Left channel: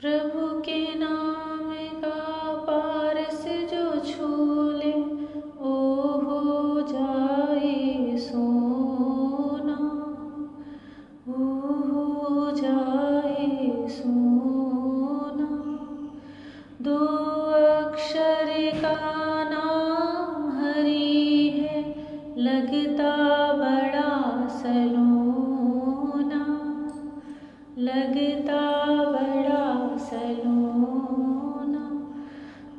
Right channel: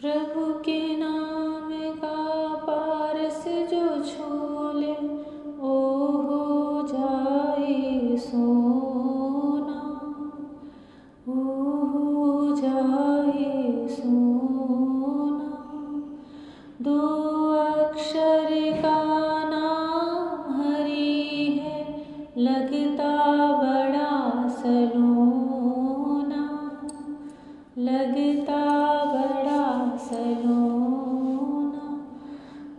प्रभु के नाम का पारस जो छू ले, ओ हो जाए सोना, ओ हो जाए सोना। दो अक्षर का नाम हरि है, लगता बड़ा सलोना, लगता बड़ा सलोना।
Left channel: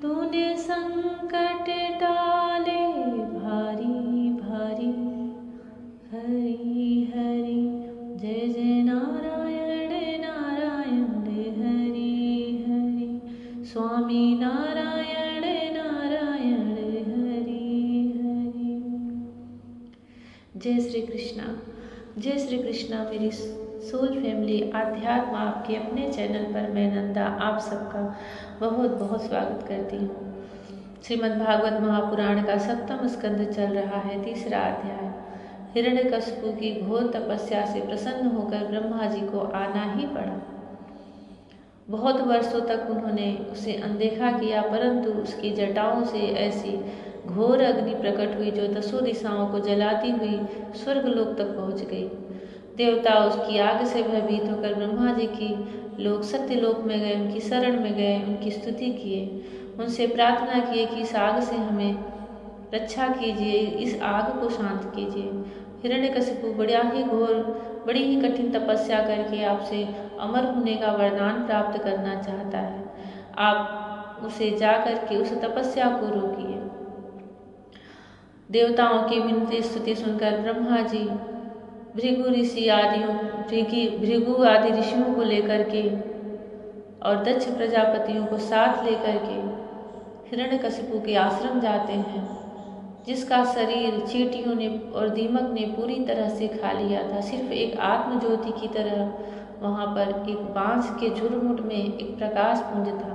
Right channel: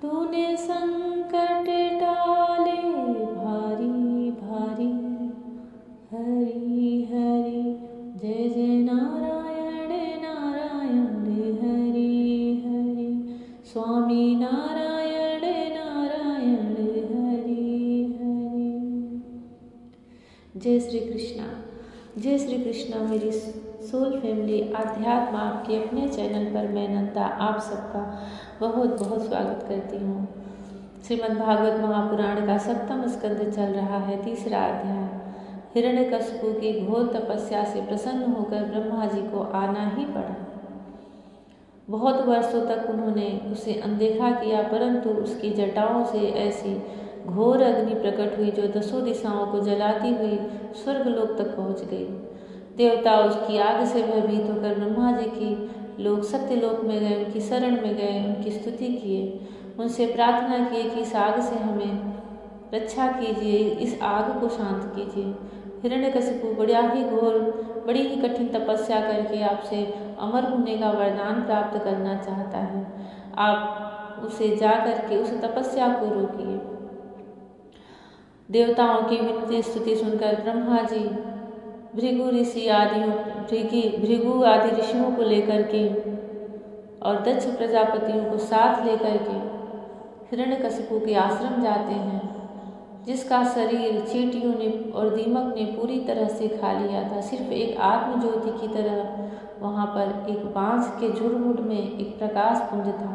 तूने संकट टाले भारी भारी, हरि हरि जय जय नारायण नारायण हरि हरि, स्वामी नारायण नारायण हरि हरि। जय श्री कृष्णा। जय श्री कृष्णा। मेरी सोल फैमिली आध्यात्म आपके अपने चैनल पर मैं नंदा आप सबका बहुत बहुत स्वागत करती हूँ। श्रीमद् भागवत महापुराण का 7वां स्कंद चल रहा है, 3रा अध्याय। हिरण्यकशिपु की घोर तपस्या से प्रसन्न होकर ब्रह्मा जी को आना ही पड़ा। बहुत वर्षों तक उन्होंने उसे अनदेखा किया, परंतु उसकी जटाओं से ऐसी घोर अग्नि प्रकट हुई जो 10 दिशाओं को जलाती हुई स्वर्गलोक तक पहुँच गई। देवता उसकी आग से भयभीत होकर ब्रह्मा जी की लोग सत्यलोक में गए, उनकी शरण में गए, उनकी स्तुति किए, उनसे प्रार्थना की कि इस आग से हमें रक्षा कीजिए, इस आग को शांत कीजिए। हिरण्यकशिपु बड़ी ही कठिन तपस्या करके आपसे अमर होने का वरदान प्राप्त करना चाहता है। आप उसे जा करके उस तपस्या को रोकिए। देवताओं की विनती स्तुति सुनकर ब्रह्मा जी भृगु आदि ऋषियों को लेकर के और दक्ष प्रजापतियों को साथ लेकर के हिरण्यकशिपु के आश्रम जाते हैं, जिसका शरीर चींटियों ने और दीमक ने पूरी तरह से खा लिया था। सिर्फ एक आत्मज्योति की तरह वहाँ पर एक बांस के झुरमुट में एक प्रकाश पुंज था।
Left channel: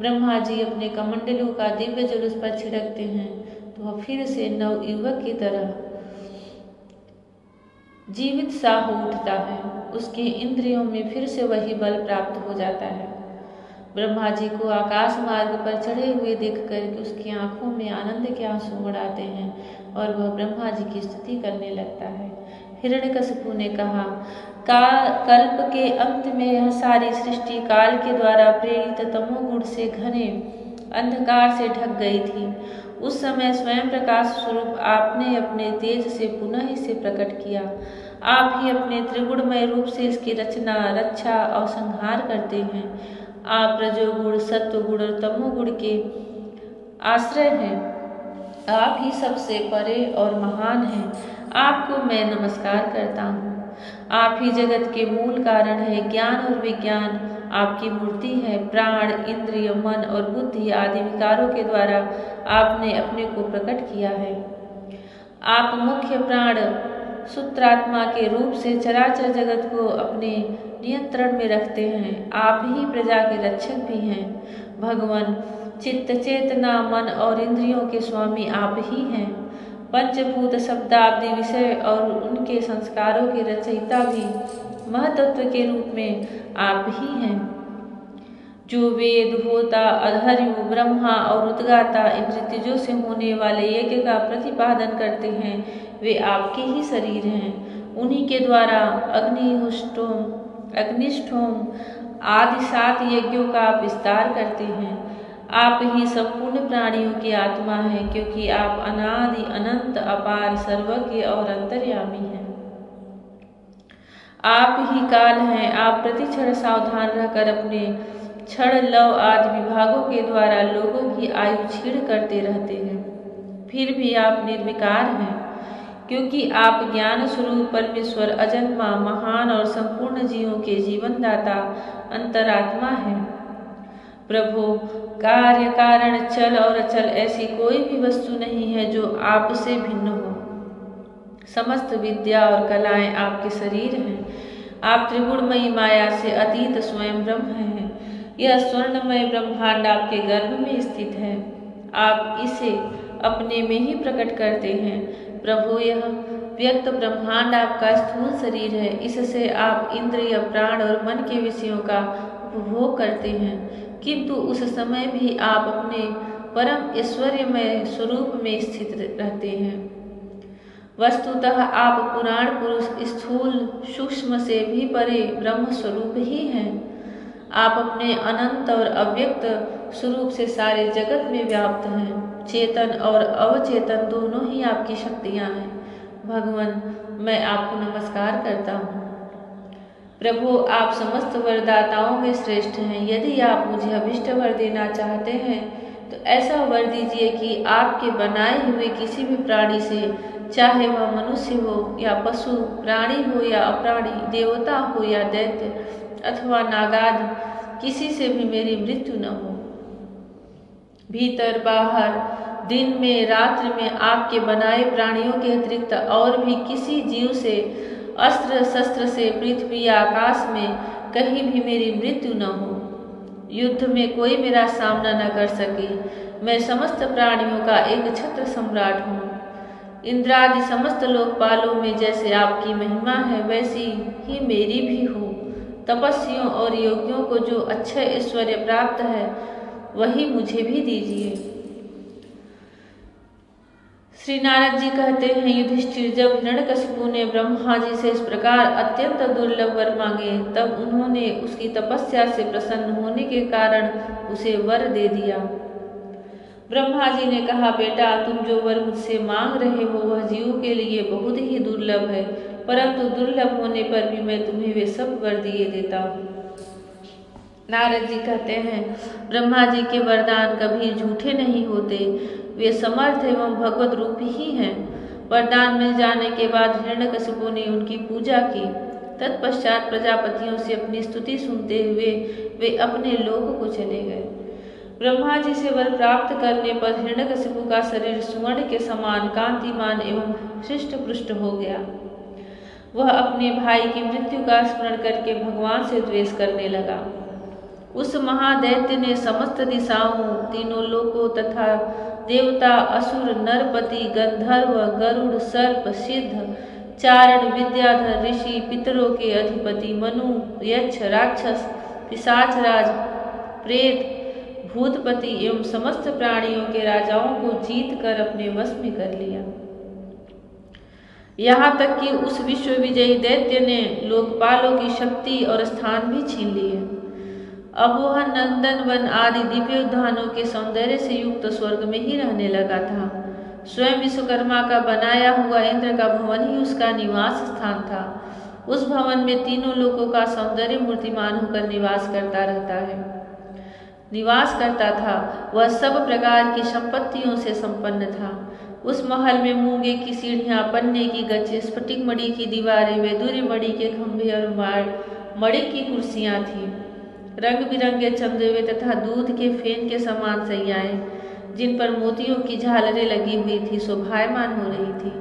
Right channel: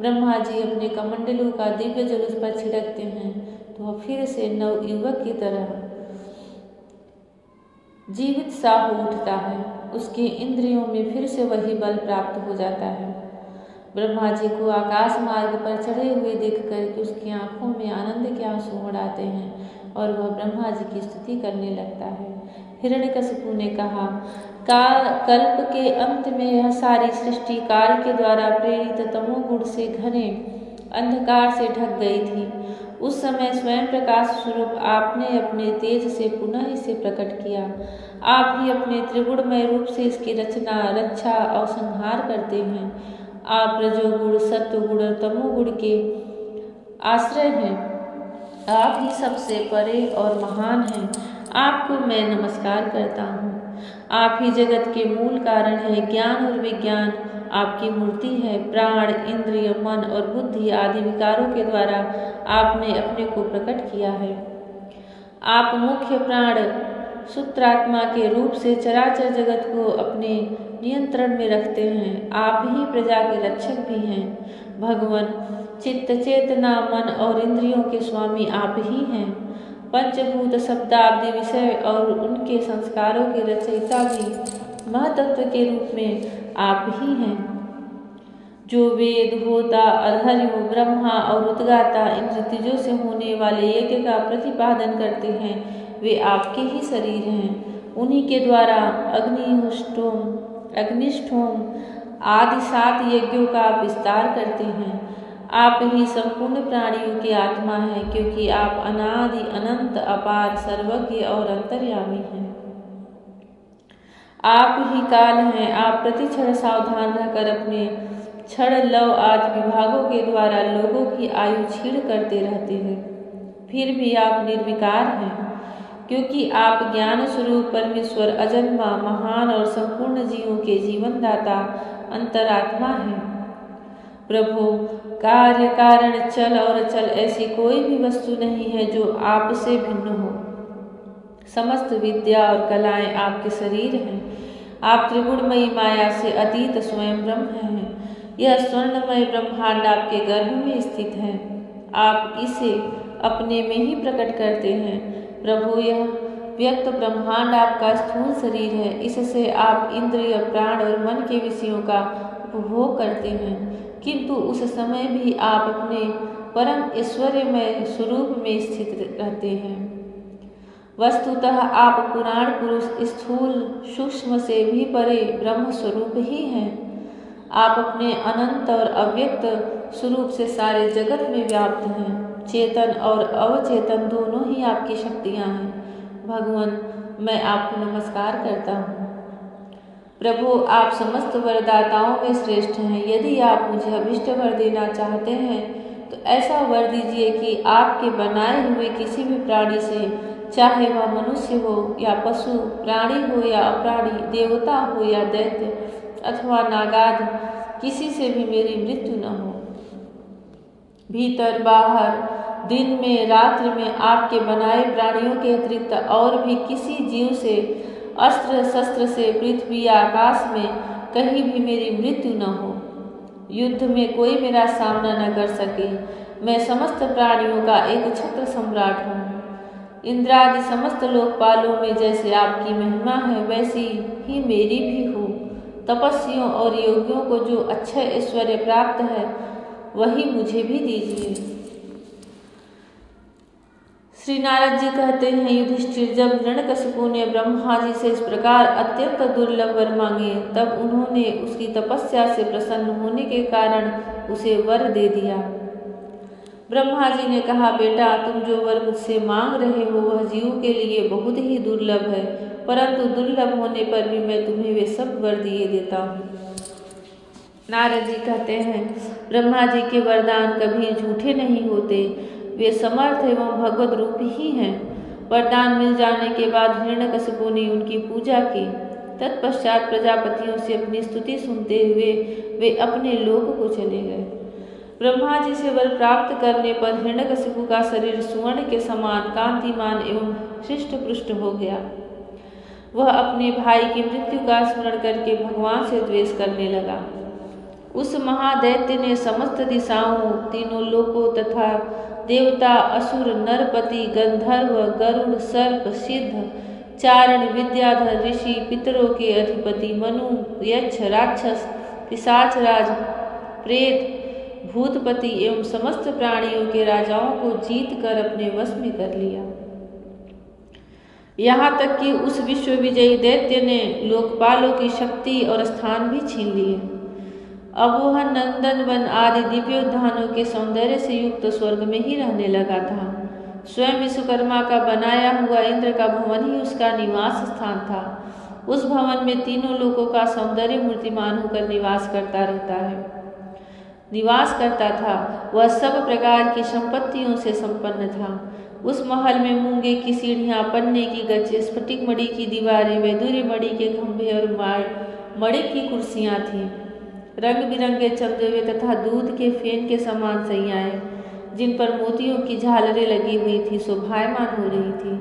ब्रह्मा जी अपने कमंडलों का दिव्य जल उस पर छिड़कते हैं तो वह फिर से नवयुवक की तरह जीवित सा हो उठता है। उसकी इंद्रियों में फिर से वही बल प्राप्त हो जाता है। ब्रह्मा जी को आकाश मार्ग पर चढ़े हुए देखकर उसकी आंखों में आनंद के आंसू उड़ाते हैं और वह ब्रह्मा जी की स्तुति करने लगता है। हिरण्यकशिपु ने कहा, कल्प के अंत में यह सारी सृष्टि काल के द्वारा प्रेरित तमोगुण से घने अंधकार से ढक गई थी। उस समय स्वयं प्रकाश स्वरूप आपने अपने तेज से पुनः इसे प्रकट किया। आप ही अपने त्रिगुणमय रूप से इसकी रचना, रक्षा और संहार करते हैं। आप रजोगुण, सत्वगुण और तमोगुण के आश्रय हैं। आप ही सबसे परे और महान हैं। आपको मैं नमस्कार करता हूँ। आप ही जगत के मूल कारण है। ज्ञान और विज्ञान आपकी मूर्ति है। प्राण, इंद्रिय, मन और बुद्धि आदि विकारों के द्वारा आपने अपने को प्रकट किया है। आप मुख्य प्राण सूत्रात्मा के रूप से चराचर जगत को अपने नियंत्रण में रखते हैं। आप ही प्रजा के रक्षक भी हैं। भगवान, चित्त, चेतना, मन और इंद्रियों के स्वामी आप ही हैं। पंचभूत, शब्दाब्दी, विषय और उनके संस्कारों के रचयिता भी महतत्व के रूप में आप ही हैं। जो वेद, होता, अधर्म, ब्रह्मा और उद्गाता इन ऋतुजों से होने वाले यज्ञ का प्रतिपादन करते हैं, वे आपके ही शरीर हैं। उन्हीं के द्वारा अग्निष्ठोम आदि 7 यज्ञों का आप विस्तार करते हैं। आप ही संपूर्ण प्राणियों की आत्मा हैं, क्योंकि आप अनादि, अनंत, अपार, सर्वज्ञ और अंतर्यामी हैं। आप ही काल हैं। आप प्रतिक्षण सावधान रहकर अपने क्षण, लव आदि विभागों के द्वारा लोगों की आयु छीण करते रहते हैं। फिर भी आप निर्विकार हैं, क्योंकि आप ज्ञान स्वरूप परमेश्वर, अजन्मा, महान और संपूर्ण जीवों के जीवनदाता अंतरात्मा हैं। प्रभु, कार्य, कारण, चल और अचल ऐसी कोई भी वस्तु नहीं है जो आपसे भिन्न हो। समस्त विद्या और कलाएं आपके शरीर हैं। आप त्रिगुणमयी माया से अतीत स्वयं ब्रह्म हैं। यह स्वर्णमय ब्रह्मांड आपके गर्भ में स्थित है। आप इसे अपने में ही प्रकट करते हैं। प्रभु, यह व्यक्त ब्रह्मांड आपका स्थूल शरीर है। इससे आप इंद्रिय, प्राण और मन के विषयों का उपभोग करते हैं, किंतु उस समय भी आप अपने परम ऐश्वर्यमय स्वरूप में स्थित रहते हैं। वस्तुतः आप पुराण पुरुष स्थूल सूक्ष्म से भी परे ब्रह्म स्वरूप ही हैं। आप अपने अनंत और अव्यक्त स्वरूप से सारे जगत में व्याप्त हैं। चेतन और अवचेतन दोनों ही आपकी शक्तियां हैं। भगवान, मैं आपको नमस्कार करता हूँ। प्रभु, आप समस्त वरदाताओं में श्रेष्ठ हैं। यदि आप मुझे अभिष्ट वर देना चाहते हैं तो ऐसा वर दीजिए कि आपके बनाए हुए किसी भी प्राणी से, चाहे वह मनुष्य हो या पशु, प्राणी हो या अप्राणी, देवता हो या दैत्य अथवा नागादि, किसी से भी मेरी मृत्यु न हो। भीतर बाहर, दिन में रात्रि में आपके बनाए प्राणियों के अतिरिक्त और भी किसी जीव से, अस्त्र शस्त्र से पृथ्वी या आकाश में कहीं भी मेरी मृत्यु न हो। युद्ध में कोई मेरा सामना न कर सके। मैं समस्त प्राणियों का एक छत्र सम्राट हूँ। इंद्रादि समस्त लोकपालों में जैसे आपकी महिमा है, वैसी ही मेरी भी हो। तपस्वियों और योगियों को जो अक्षय ऐश्वर्य प्राप्त है, वही मुझे भी दीजिए। श्री नारद जी कहते हैं, युधिष्ठिर, जब हिरण्यकशिपु ने ब्रह्मा जी से इस प्रकार अत्यंत दुर्लभ वर मांगे, तब उन्होंने उसकी तपस्या से प्रसन्न होने के कारण उसे वर दे दिया। ब्रह्मा जी ने कहा, बेटा, तुम जो वर मुझसे मांग रहे हो वह जीवों के लिए बहुत ही दुर्लभ है, परंतु दुर्लभ होने पर भी मैं तुम्हें वे सब वर दिए देता हूँ। नारद जी कहते हैं, ब्रह्मा जी के वरदान कभी झूठे नहीं होते। वे समर्थ एवं भगवत रूप ही हैं। वरदान मिल जाने के बाद हिरण्यकशिपु ने उनकी पूजा की। तत्पश्चात प्रजापतियों से अपनी स्तुति सुनते हुए वे अपने लोक को चले गए। ब्रह्मा जी से वर प्राप्त करने पर हिरण्यकशिपु का शरीर सुवर्ण के समान कांतिमान एवं हृष्ट पुष्ट हो गया। वह अपने भाई की मृत्यु का स्मरण करके भगवान से द्वेष करने लगा। उस महादैत्य ने समस्त दिशाओं, तीनों लोकों तथा देवता, असुर, नरपति, गंधर्व, गरुड़, सर्प, सिद्ध, चारण, विद्याधर, ऋषि, पितरों के अधिपति, मनु, यक्ष, राक्षस, पिशाचराज, प्रेत, भूतपति एवं समस्त प्राणियों के राजाओं को जीत कर अपने वश में कर लिया। यहाँ तक कि उस विश्व विजयी दैत्य ने लोकपालों की शक्ति और स्थान भी छीन लिए। अब वह नंदन वन आदि दिव्य उद्यानों के सौंदर्य से युक्त स्वर्ग में ही रहने लगा था। स्वयं विश्वकर्मा का बनाया हुआ इंद्र का भवन ही उसका निवास स्थान था। उस भवन में तीनों लोकों का सौंदर्य मूर्तिमान होकर निवास करता था। वह सब प्रकार की संपत्तियों से संपन्न था। उस महल में मूंगे की सीढ़ियां, पन्ने की गज, स्फटिक मणि की दीवारें, वैदूर्य मणि के खंभे और मणि की कुर्सियां थीं। रंग बिरंगे चंद्रवे तथा दूध के फेन के समान सैयाएं, जिन पर मोतियों की झालरें लगी हुई थी, शोभायमान हो रही थी।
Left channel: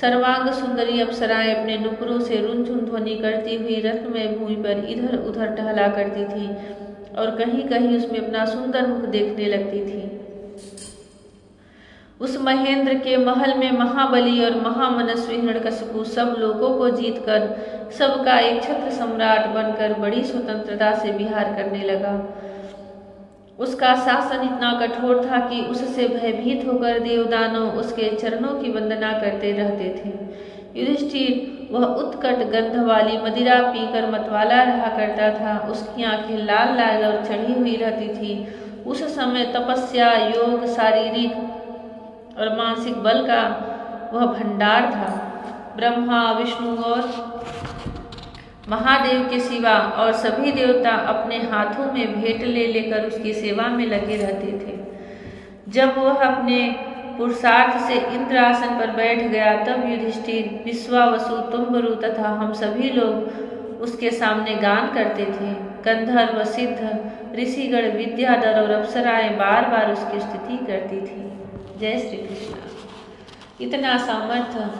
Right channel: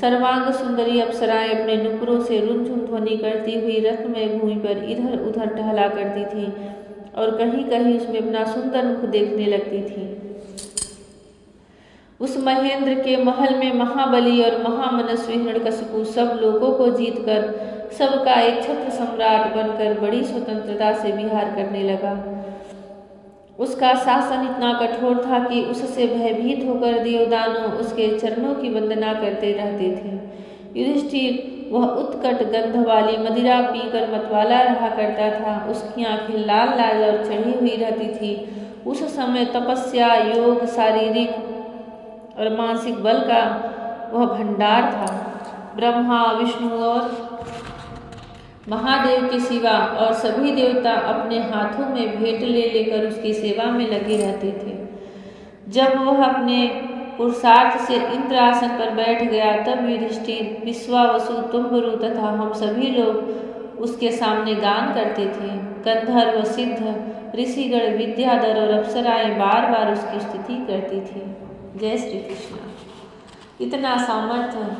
सर्वांग सुंदरी अप्सराएं अपने नुपुरों से रुनझुन ध्वनि करती हुई रत्नमय भूमि पर इधर उधर टहला करती थी और कहीं कहीं उसमें अपना सुंदर मुख देखने लगती थी। उस महेंद्र के महल में महाबली और महामनस्वी हिरण्यकशिपु सब लोगों को जीतकर सबका एक छत्र सम्राट बनकर बड़ी स्वतंत्रता से विहार करने लगा। उसका शासन इतना कठोर था कि उससे भयभीत होकर देवदानव उसके चरणों की वंदना करते रहते थे। युधिष्ठिर, वह उत्कट गंध वाली मदिरा पीकर मतवाला रहा करता था। उसकी आंखें लाल लाल और चढ़ी हुई रहती थी। उस समय तपस्या, योग, शारीरिक और मानसिक बल का वह भंडार था। ब्रह्मा, विष्णु और महादेव के सिवा और सभी देवता अपने हाथों में भेंट ले लेकर उसकी सेवा में लगे रहते थे। जब वह अपने पुरुषार्थ से इंद्रासन पर बैठ गया, तब युधिष्ठिर, विश्वावसु, तुम्बरु तथा हम सभी लोग उसके सामने गान करते थे। गंधर्व, सिद्ध, ऋषिगण, विद्याधर और अप्सराएं बार बार उसकी स्तुति करती थी। जय श्री कृष्ण। इतना सामर्थ्य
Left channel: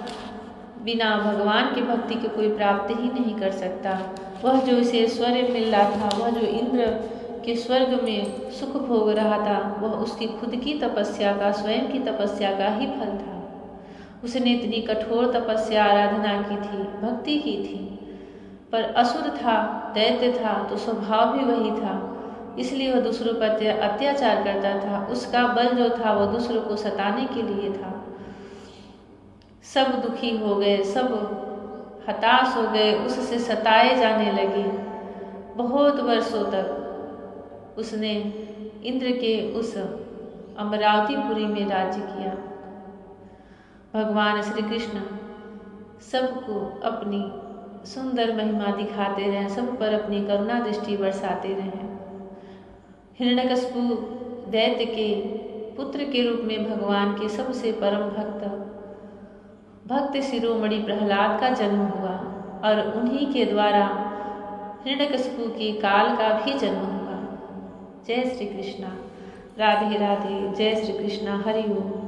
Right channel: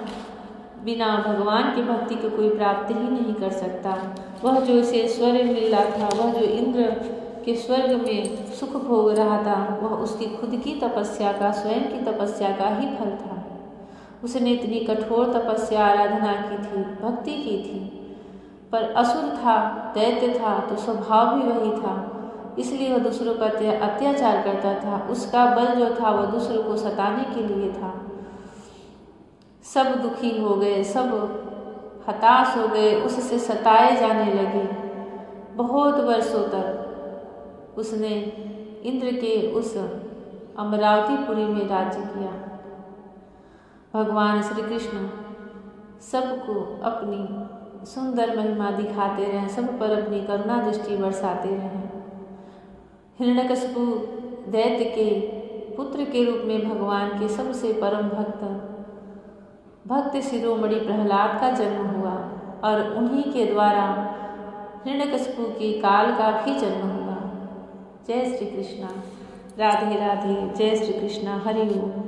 बिना भगवान की भक्ति के कोई प्राप्त ही नहीं कर सकता। वह जो इसे ऐश्वर्य मिल रहा था, वह जो इंद्र के स्वर्ग में सुख भोग रहा था, वह उसकी खुद की तपस्या का, स्वयं की तपस्या का ही फल था। उसने इतनी कठोर तपस्या, आराधना की थी, भक्ति की थी। पर असुर था, दैत्य था, तो स्वभाव भी वही था, इसलिए वह दूसरों पर अत्याचार करता था। उसका बल जो था वह दूसरों को सताने के लिए था। सब दुखी हो गए, सब हताश हो गए, उससे सताए जाने लगे। बहुत वर्षों तक उसने इंद्र के उस अमरावतीपुरी में राज्य किया। भगवान श्री कृष्ण सबको अपनी सुंदर महिमा दिखाते रहे, सब पर अपनी करुणा दृष्टि बरसाते रहे। हिरण्यकशिपु दैत्य के पुत्र के रूप में भगवान के सबसे परम भक्त शिरोमणि प्रहलाद का जन्म हुआ और उन्हीं के द्वारा हिरण्यकशिपु के काल का भी जन्म हुआ। जय श्री कृष्णा। राधे राधे। जय श्री कृष्णा। हरि ओम।